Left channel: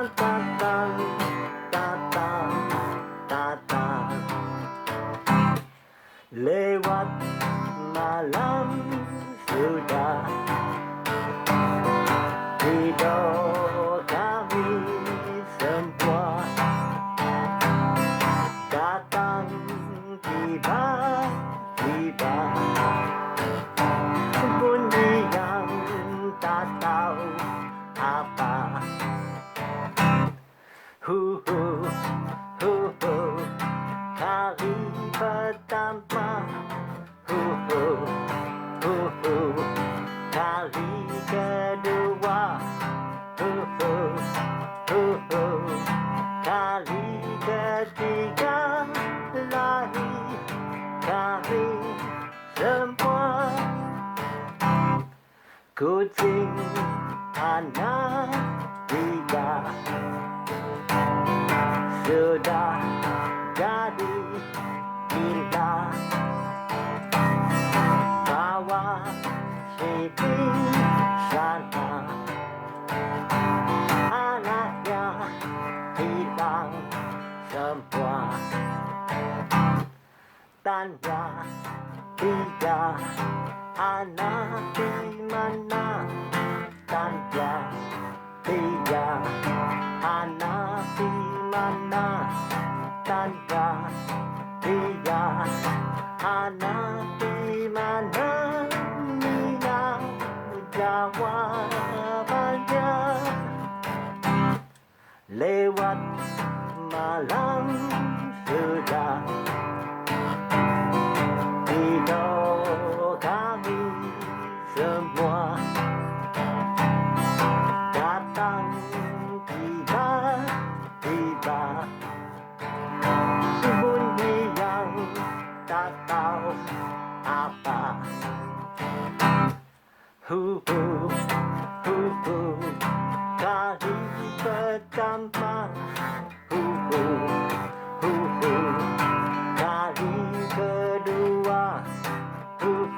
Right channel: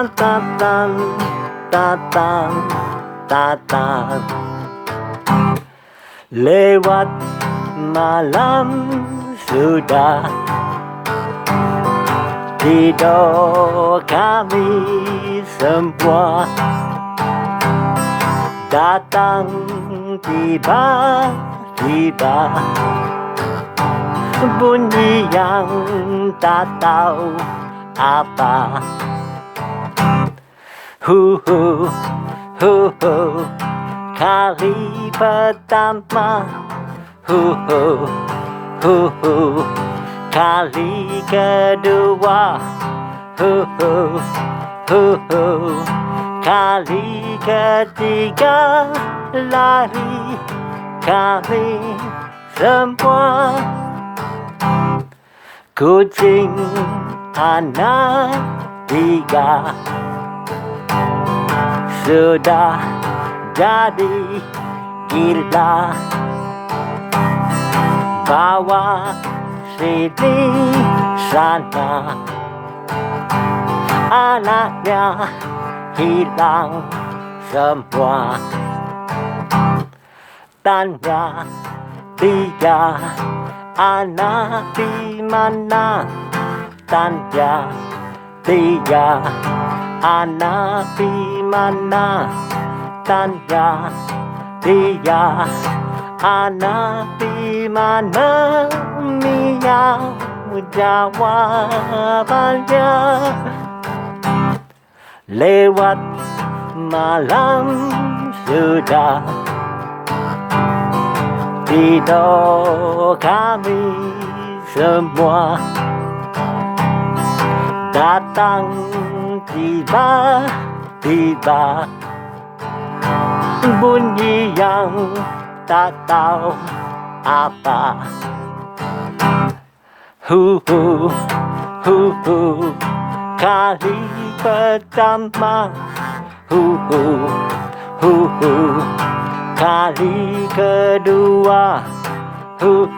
Datang, datang, datang. Lewat malam sudah, tidur kami semua. Datang tiba-tiba, bunyi yang tak tahu apa. Hu, kali pertama. Hu, kali kedua. Hu, kali ketiga. Lari kami semua. Kucing, anak, tiga. Sudah jadi gila. Bawa, sini, sana. Anaknya hilang semua. Tanya, tiga. Anak di mana? Tanya, tiga. Anak di mana? Tanya, tiga. Anak di mana? Meow, jawapannya. Lewat malam sudah, tidur kami semua. Datang tiba-tiba, bunyi yang tak tahu apa. Hu, kali pertama. Hu, kali kedua. Hu,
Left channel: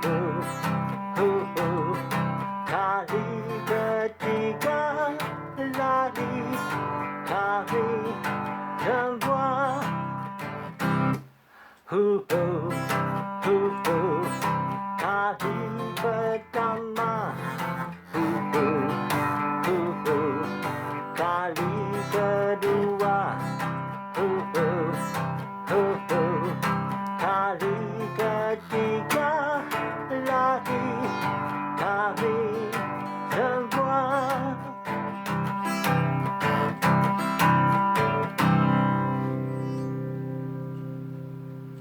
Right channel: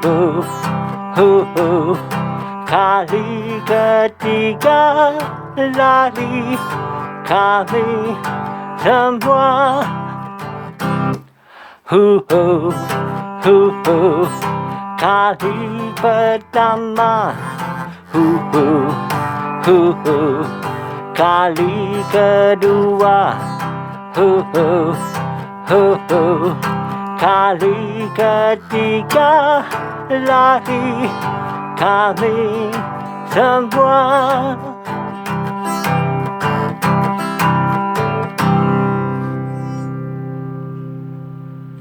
kali ketiga. Lari kami semua. Hu, kali pertama. Hu, kali kedua. Hu, kali ketiga. Lari kami semua.